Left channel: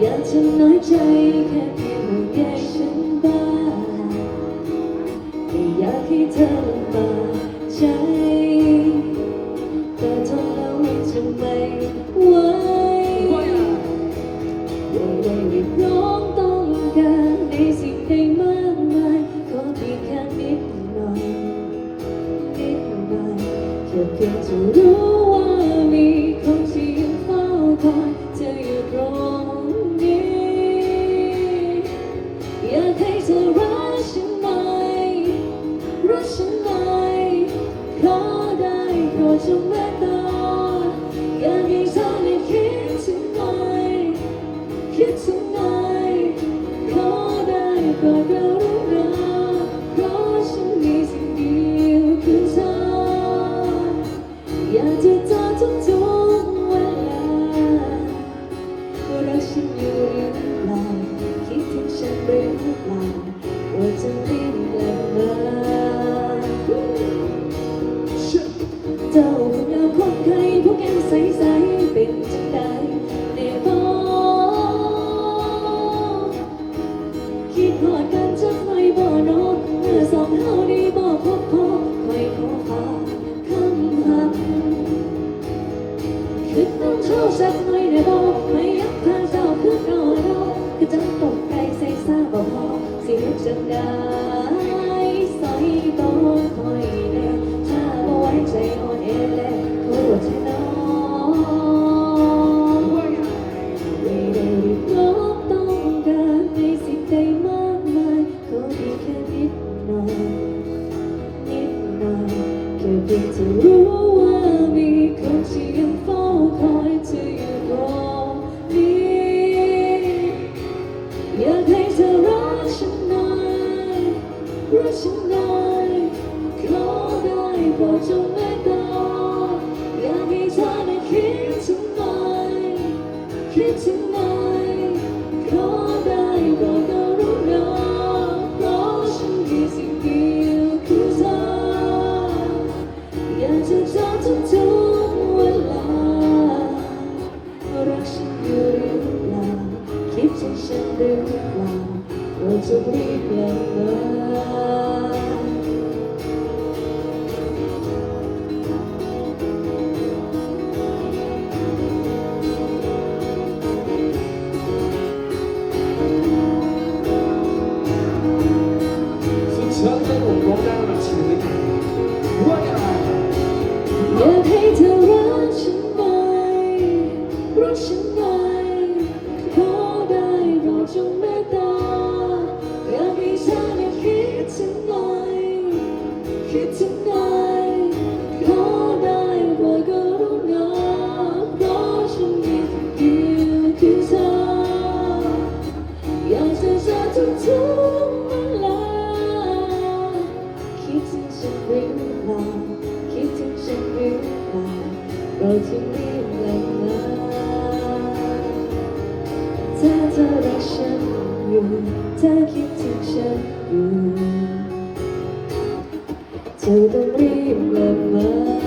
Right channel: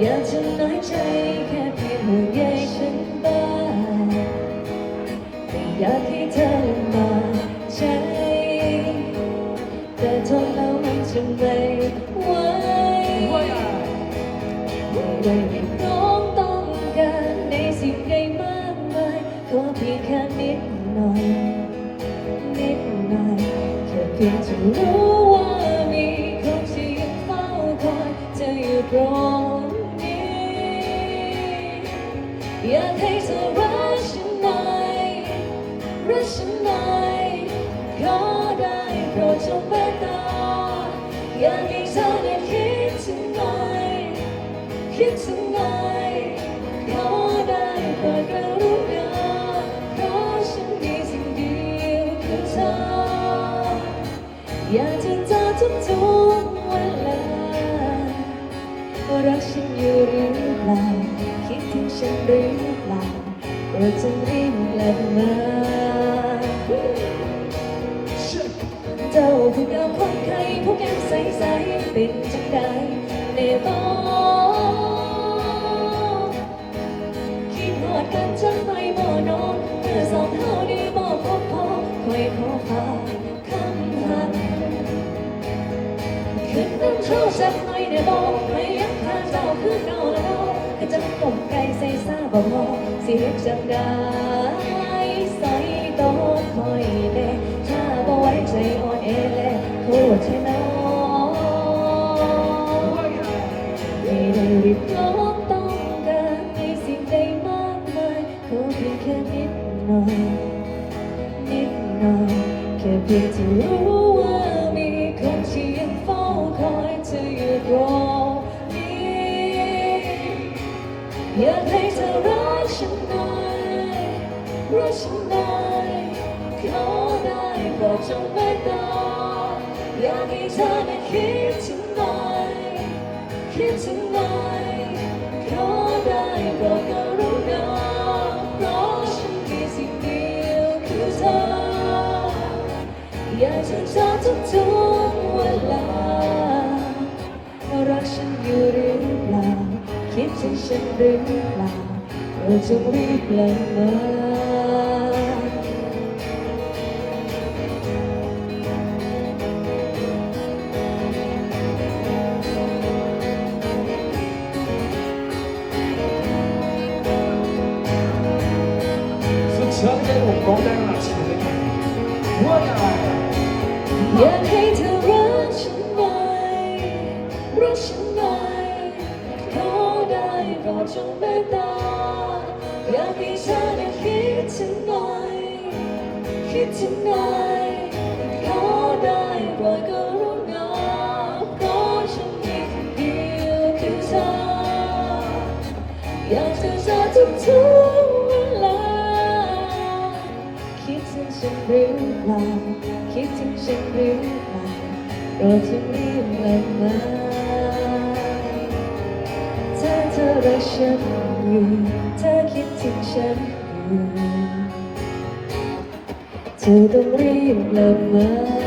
อยากจะน้อยใจแค่เพียงห่วงใยฉันบ้างไม่อยากให้เธอมาใจ แค่เพียงจะรู้ว่ามีคนที่ยังเฝ้าคอยเธออยู่ตรงนี้ อยากให้เธอรักฉันหน่อยรักฉันหน่อยขอได้โปรดจงเมตตาอยากให้เธอได้คิดถึงหน่อยคิดถึงหน่อยขอได้โปรดกรุณา อยากจะเจอทุกทุกเวลาว่ารักฉันอยู่หรือเปล่าคิดถึงฉันหรือเปล่าเราจะรีบกลับมาเจ้าเพิ่งเอาคนเคยผู้แก้มใสๆเป็นจังใดในบ้านคิดหอดกันจังหนบ่เนอเมื่อสองเฮาได้บ คิดน้ำโชว์สักหน่อยเนี่ยบอกไม่อยักพาเจ้าคือเก่าแล้วคือจะตกใจใส่ซาบ่พอสิเฮ็ดจังได้ใส่ต้องคอยแน่ถ้าบ่ไว้ใจอ่อนแอแลโทษเธอน้องไม่ได้รีบร้องต้องการในสิ่งใดมากมายขอเพียงแค่นิดหน่อยนิดหน่อยแค่เพียงที่รู้ว่ามีคนที่ รักฉันหน่อยขอได้โปรดจงเมตตาอยากให้เธอได้คิดถึงหน่อยคิดถึงหน่อยขอได้โปรดกรุณาเพราะฉันมีสิ่งเดียวคือเธออยากจะเจอทุกทุกๆเวลาว่ารักฉันอยู่หรือเปล่าคิดถึงฉันหรือเปล่าเราจะรีบกลับมา อให้ผมร้องได้มาชีวิตว่าไงอยากให้เธอรักฉันหน่อยรักฉันหน่อยขอได้โปรดจงเมตตาอยากให้เธอได้คิดถึงหน่อยคิดถึงหน่อยขอได้โปรดกรุณาเพราะฉันมีคนเดียวคือเธออยากจะเจอทุกทุ งฉันหรือเปล่าคิดถึงฉันหรือเปล่าเราจะรีบกลับมาถ้าเธอรักฉันอยู่เธอคิดถึงฉันอยู่เธอต้องรีบกลับมา